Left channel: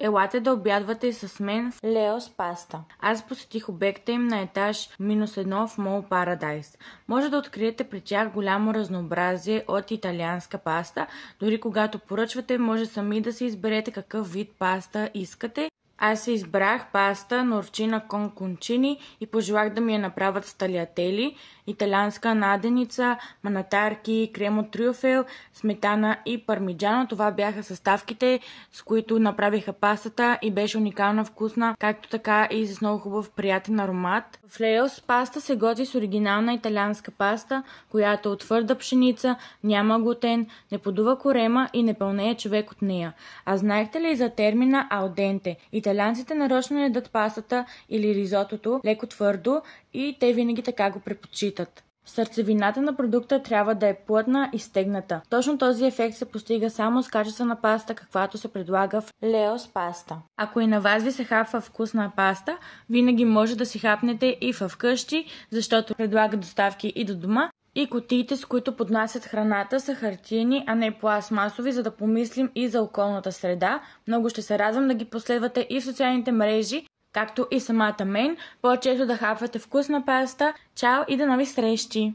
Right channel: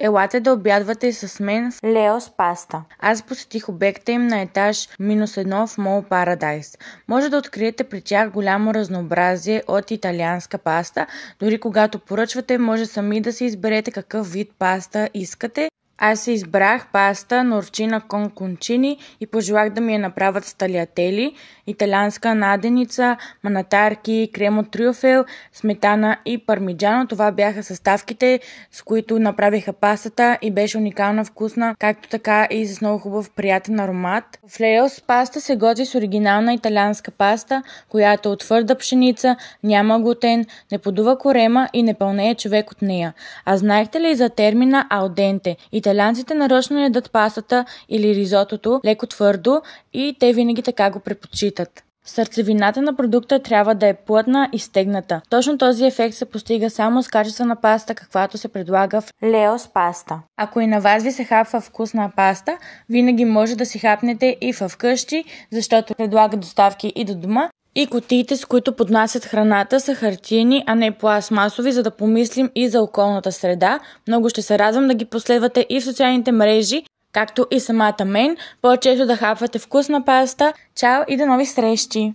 Елате да обядвате с мен в Леос Паста. Аз посетих обекта им на етаж -1 в Мол Парадайс. Може да откриете при тях голямо разнообразие от италианска паста. Дори когато поръчвате, може сами да си изберете какъв вид паста искате. Аз си избрах паста норчина кон кончини и пожелах да ми я направят с талиатели, италианска наденица, манатарки, крем от трюфел, сметана и пармиджано. Това бяха съставките, с които направиха пастата и беше уникална вкусна, както така и с много хубав приятен аромат. В Леос паста се готви с оригинална италианска паста, която е от твърда пшеница, няма глутен, не подува корема и не пълнее човек от нея. А знаехте ли за термина алденте? Италианците нарочно ядат пастата или ризотото леко твърдо и те винаги така го предпочитат. Сърцевината на продукта трябва да е плътна и стегната. Точно този ефект се постига само с качествена паста, каквато се предлага в Леос Паста. Ако и на вас ви се хапва вкусна паста, винаги може да си хапнете и вкъщи, защото предлага доставки и до дома. И кутиите, с които поднасят храната, са хартиени, а не пластмасови, за да помислим и за околната среда. Много ще се радвам да ги последвате и в социалните мрежи, както и самата мен. По-често да хапвате вкусна паста. Чао и до нови срещи!